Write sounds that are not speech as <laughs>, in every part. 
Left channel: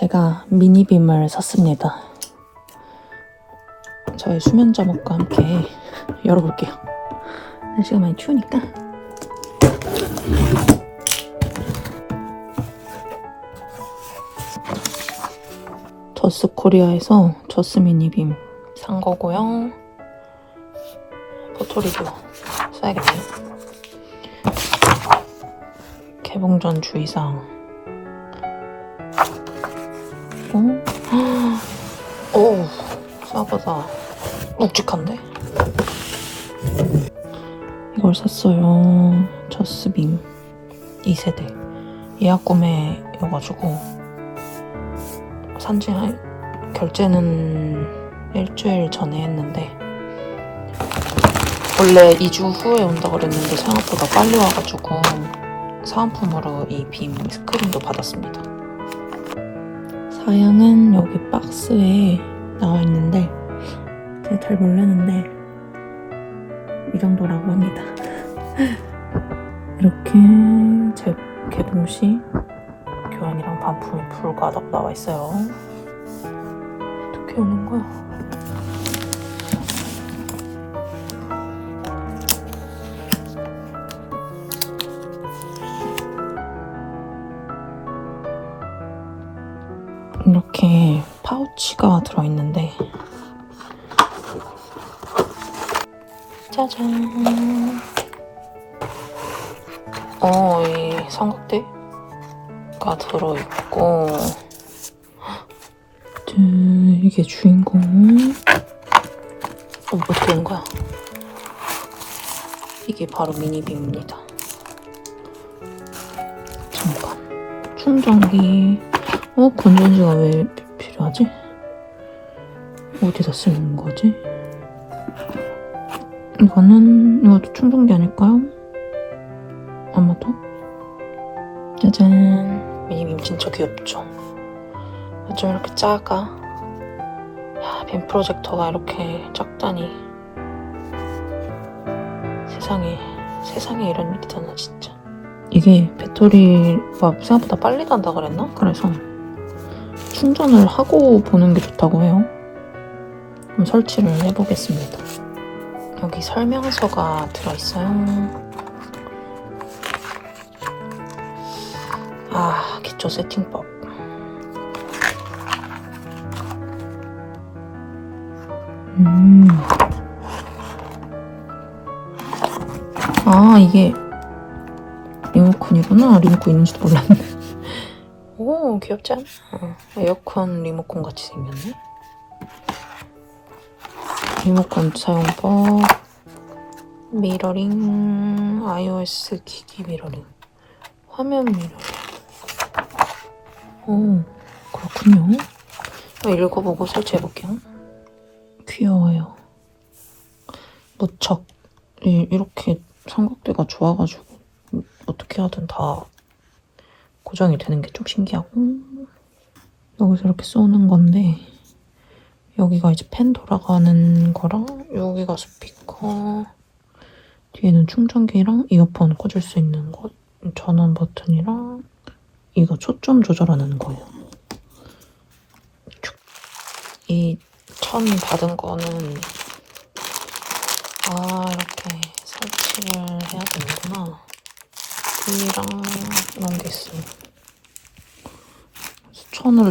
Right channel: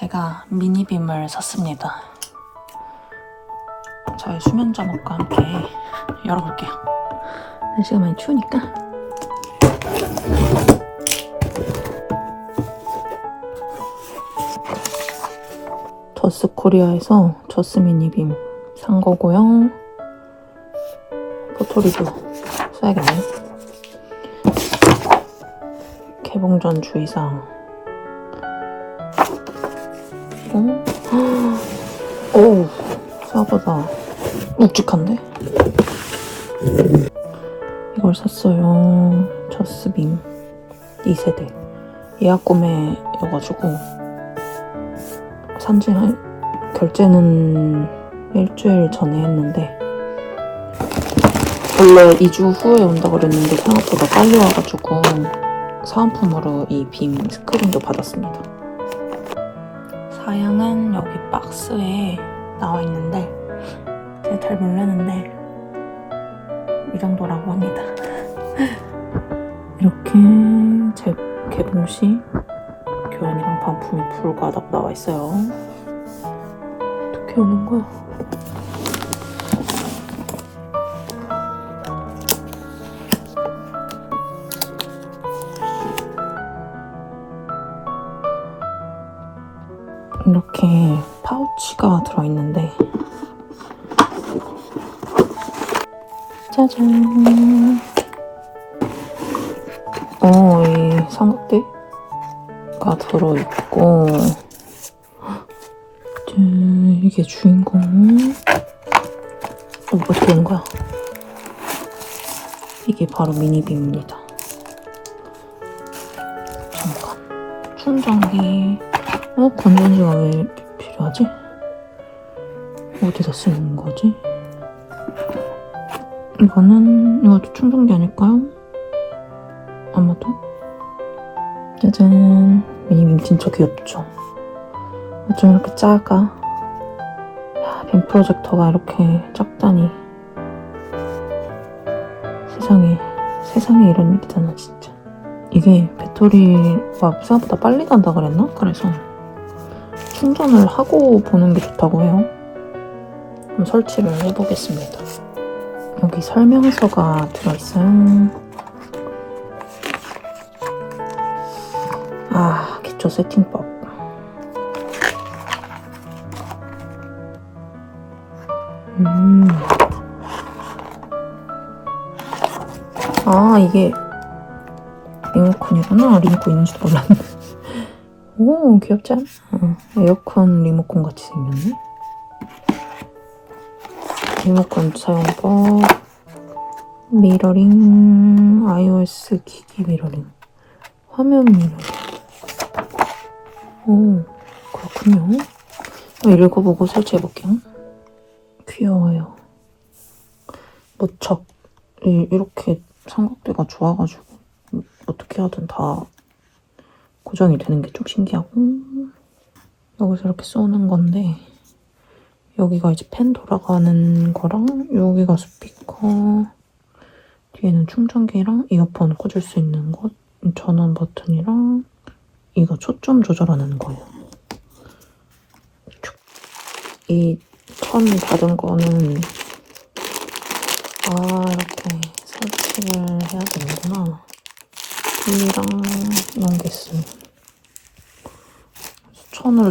제가 미니빔을 샀습니다. 저희 수면 잠옷과 함께 열어볼게요. 날씨가 많이 추우니까. 저스 코리아에서 저스 미니빔 산 거고요. 포토리도 써야겠네. 개봉 전 주의사항. 어이, 싸가다. 묵직한데? 이걸 샀어요. 저스빔 2세대. 예약 구매여가지고. 산지 한, 결제는 일주일 전에 했는데. 원래 2주 후에 온다고 그랬는데 생각보다 빨리 와가지고 사은품으로 이 빔 스크린도 받았습니다. 사양은 여기 박스에 나와 있는데 제가 잘 모르는데 이 정도라고 합니다. <laughs> 이렇게 제 개봉 시 교양이랑 반품이 불가하다고 나와 있어요. 어떻게 하는 거야? 이렇게 파우치가 들어있는데. 짜잔. 어, 이 삼각대가 들어있고. 짠, 이게 주인공. 이것도인가 이게 바로 미니빔입니다. 자, 충전기 어? 건전지가 왜 필요하지? 어디다 쓰는 거지? 이거는 이것도 충전기 아닐까요? 아마도? 짜잔 미니 빔 진짜 귀엽죠? 어쩜 이렇게 작아 야, 빔 프로젝터가 이렇게 작다니 세상에 세상에 이런 일이잖아 진짜 이게 배터리가 생각보다 빨리 간다 그랬나? 그래서 충전을 하고 보는 게 좋다고 해요. 설치를 해보겠습니다. 여기 설명서가 들어있어요. 아, 기초 세팅법. 음. 아, 이게 리모컨이구나. 리모컨 있는 줄 몰랐네. 오 귀엽지 않아? 어, 에어컨 리모컨 같이 생겼네. 리모컨 사용하고 미러링 iOS 기기 미러링 화면 미러링. 오 그렇군요. 읽어보고 설치해볼게요. 귀여워요. 무척. 이, 이렇게 삼각대가 좋아가지고 어떻게 하든 다 고정이 되는 게 좀 신기하고. 여기서 이렇게 쏘는 건데 여기가 이제 펜 돌아가는 거랑 여기가 스피커 뒤에는 충전기랑 이어폰 꽂을 수 있는 것 전원 버튼이랑 이거 초점 조절하는 거예요 이천 받은 거는 아 이렇게 설치를 해야 되는구나 이랑 이런 게 있어요.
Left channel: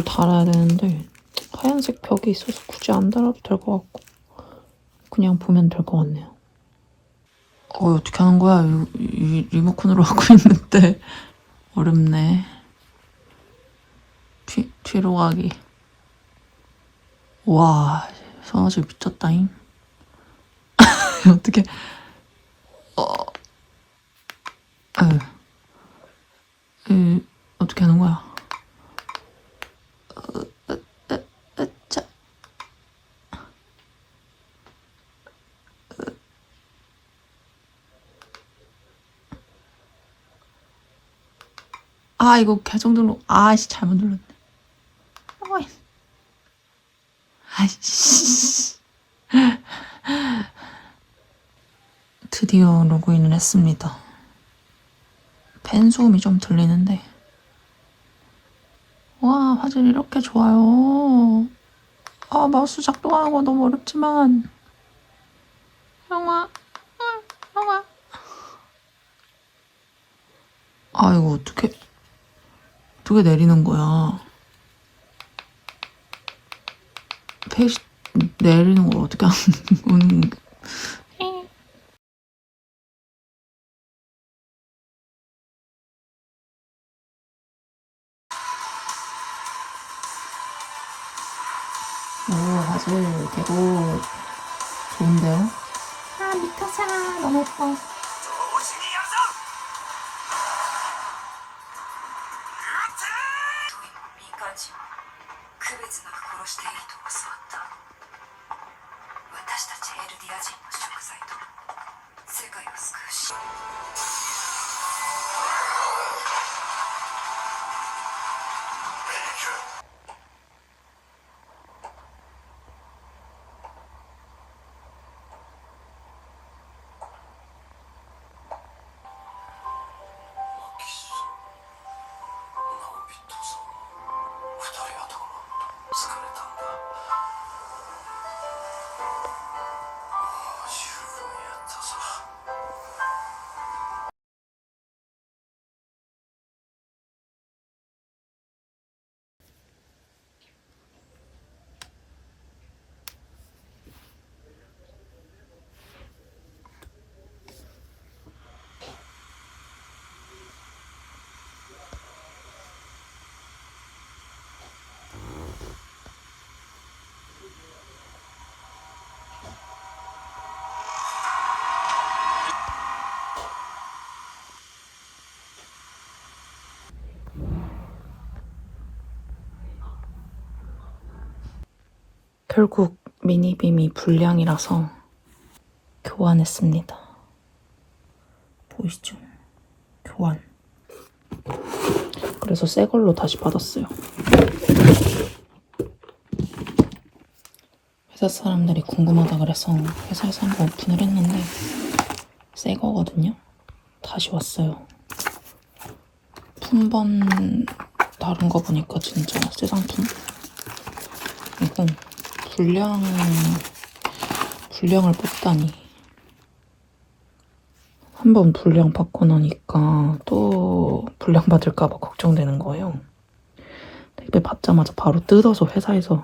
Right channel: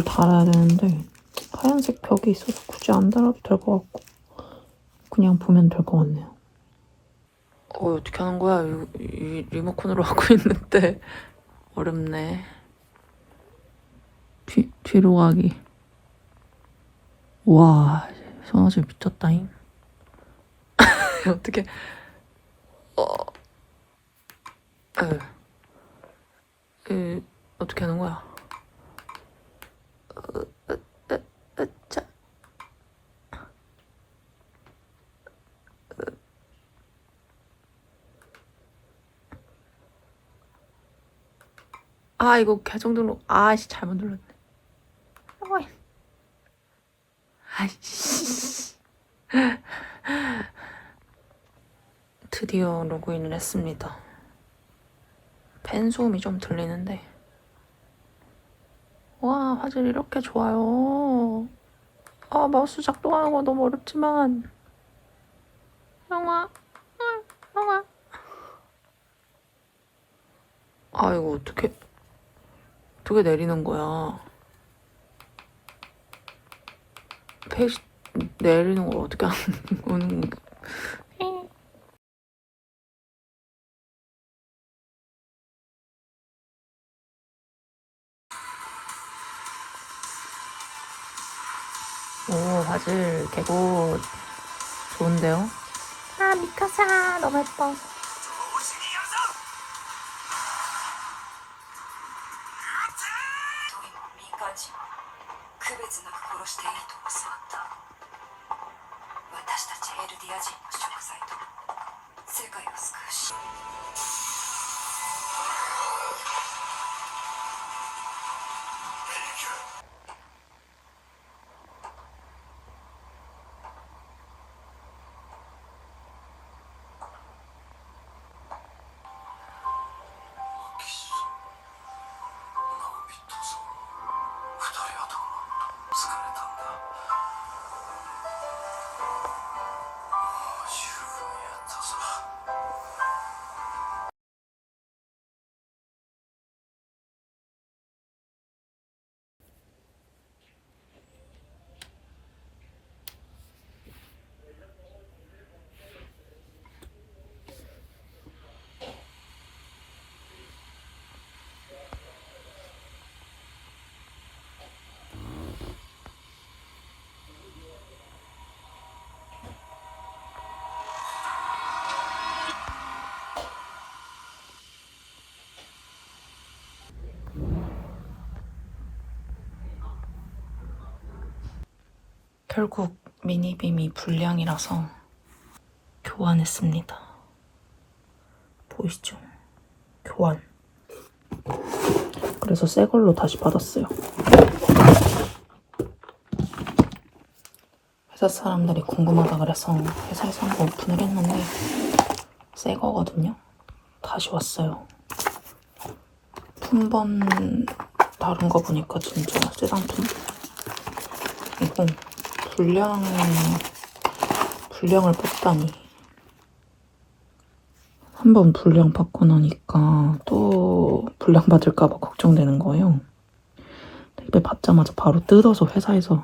수천을 달아야 되는데 하얀색 벽이 있어서 굳이 안 달아도 될 것 같고 그냥 보면 될 것 같네요. 어 어떻게 하는 거야? 이, 이 리모컨으로 <laughs> 하고 있는데 어렵네. 뒤, 뒤로 가기. 와 성아지 미쳤다잉. <laughs> 어떻게 어 아유. 음, 어떻게 하는 거야? 어, 어, 어, 어, 자. 아 이거 계정 등록 아씨 잘못 눌렀네. 어이. 아이씨. <laughs> 드디어 로그인을 했습니다. 팬 소음이 좀 들리는데 와, 화질 이렇게 좋아요. 아, 마우스 작동하는 거 너무 어렵지만. 형아, 응, 형아. 아, 이거 어떻게, 어떻게 내리는 거야? 페이지 내리는 걸 어떻게 하는 <laughs> 거 오, 화질 개고 좋은데요? 아, 미카사 너무 예뻐. 결국 미니빔이 불량이라서 교환했습니다. 보이시죠? 교환. 그래서 새 걸로 다시 받았어요. 회사 사람들이 궁금하다 그래서 회사에서 한번 오픈을 했는데 새 거거든요. 다시 왔어요. 품번 다른 거 보니까 진짜 새 상품. 이거 불량 불량을 뽑다니 한 번 불량 받고 나니까 또 불량 받을까봐 걱정되는 거예요. 택배 받자마자 바로 뜯어서 회사에서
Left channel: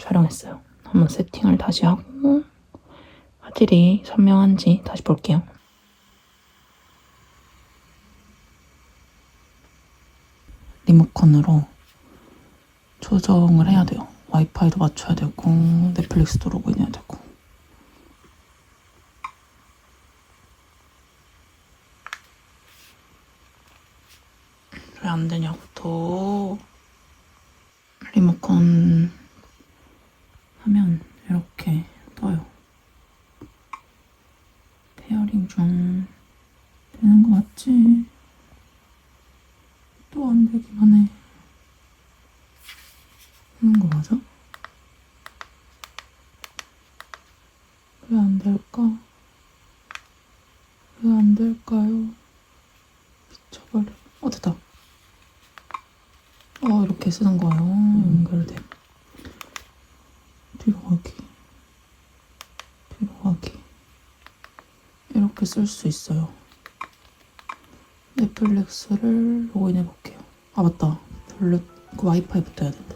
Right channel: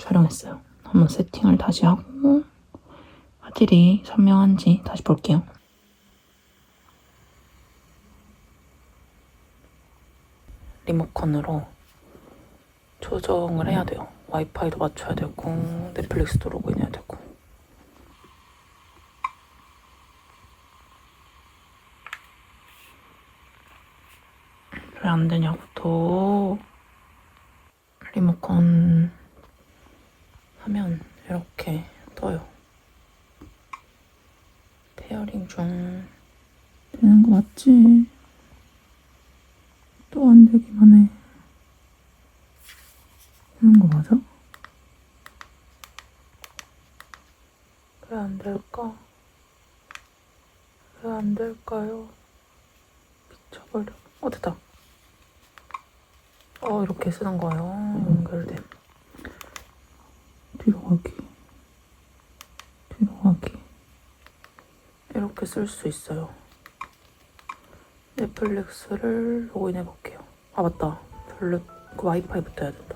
촬영했어요. 한번 세팅을 다시 하고 화질이 선명한지 다시 볼게요. 리모컨으로 조정을 해야 돼요. 와이파이도 맞춰야 되고 넷플릭스도 로그인해야 되고 왜 안 되냐고 또 리모컨 하면 이렇게 떠요. 페어링 중 되는 거 맞지? 또 안 되기만 해. 하는 거 맞아? 왜 안 될까? 왜 안 될까요? 미쳐버려. 어, 됐다. 어, 이렇게 쓰는 거예요. 연결돼. 뒤로 가기. 뒤로 가기. 이렇게 쓸 수 있어요. 넷플릭스를 로그인해 볼게요. 아, 맞다. 별로, 그 와이파이 붙어야 된다.